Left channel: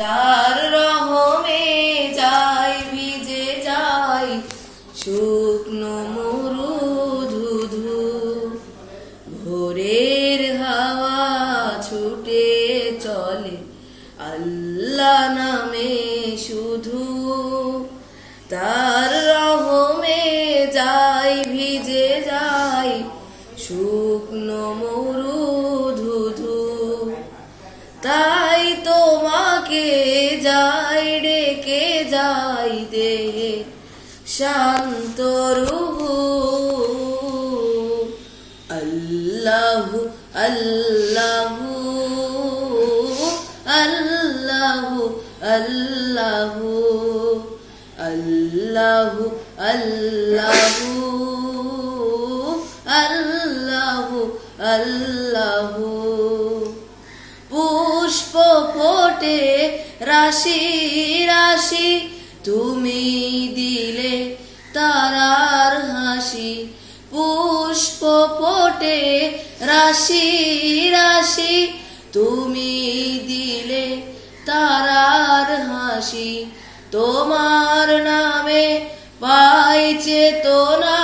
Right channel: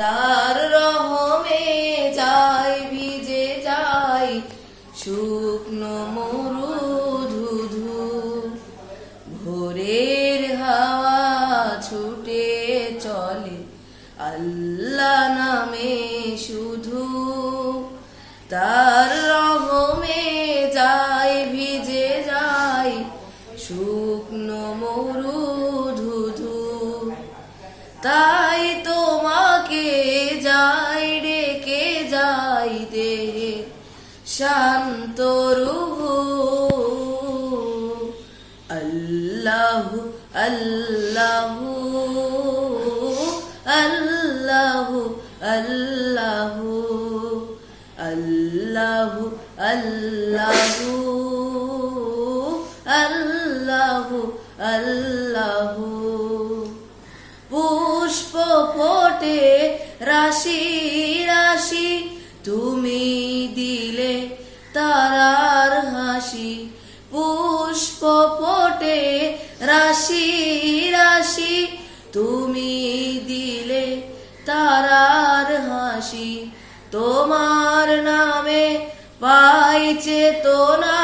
তার রহমে যাই, ভিজে যাই, শুকনো মরু ধুধু। ভোরের হাওয়া ছুটে চলে, আল্লাহ নামে শুধু। তার রহমে যাই, ভিজে যাই, শুকনো মরু শান্ত রুহু আল্লাহু আল্লাহু আল্লাহু আল্লাহু আল্লাহু আল্লাহু আল্লাহু আল্লাহু। পুষ্প ফোটে রাশি রাশি, তুমি ফোটে রাশি রাশি। তুমি দিলে তারার হাসি। তোমার নামে পাই চেতনা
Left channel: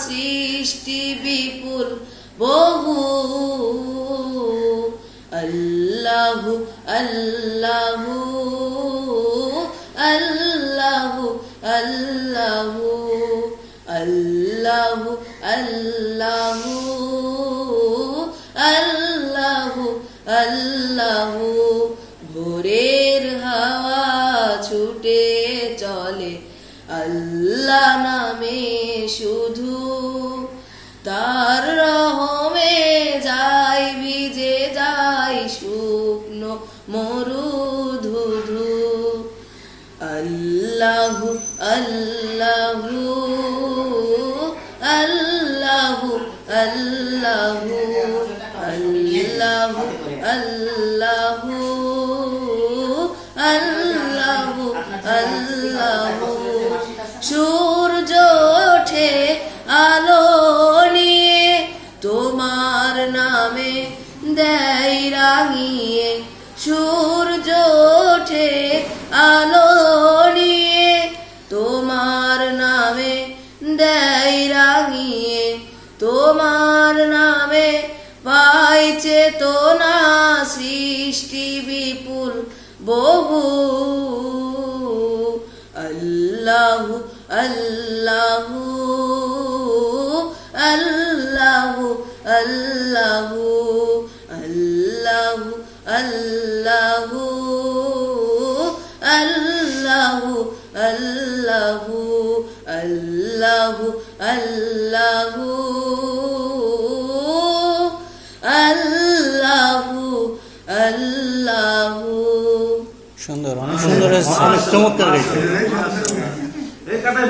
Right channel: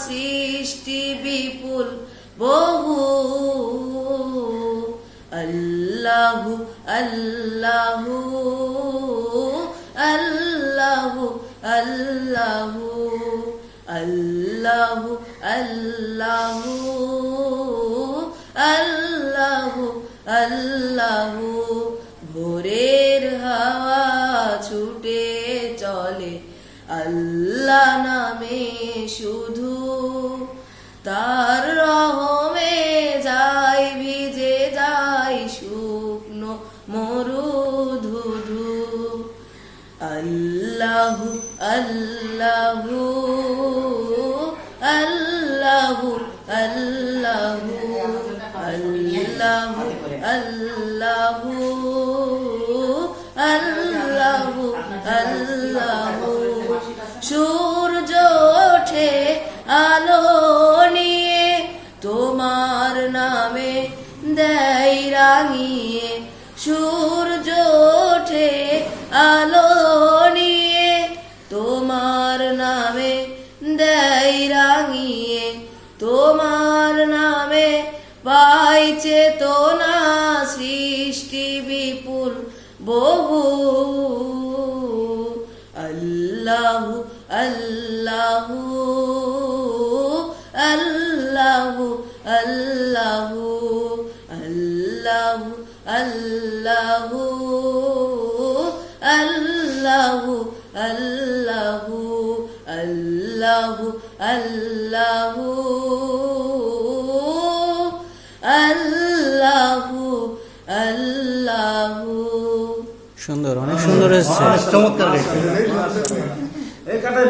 সৃষ্টি বিপুল বহু। আল্লাহু আল্লাহু আল্লাহু আল্লাহু। আল্লাহু আল্লাহু আল্লাহু আল্লাহু ভোরের হাওয়া ছুটে চলে। আল্লাহ নামে শুধু তার রহমে যাই, ভিজে যাই শুকনো মরু ধুধু আল্লাহু আল্লাহু। আল্লাহু আল্লাহু আল্লাহু। সূর্য ওঠে আলো তোমার নামে দেয় রাঙিয়ে। সূর্য ওঠে আলো তোমার নামে দেয় রাঙিয়ে। তোমার নামে পাই চেতনা সৃষ্টি বিপুল বহু। আল্লাহু আল্লাহু আল্লাহু আল্লাহু আল্লাহু আল্লাহু আল্লাহু আল্লাহু আল্লাহু আল্লাহু। সুন্দর অনেক সুন্দর অনেক চমৎকার এই কাটেন।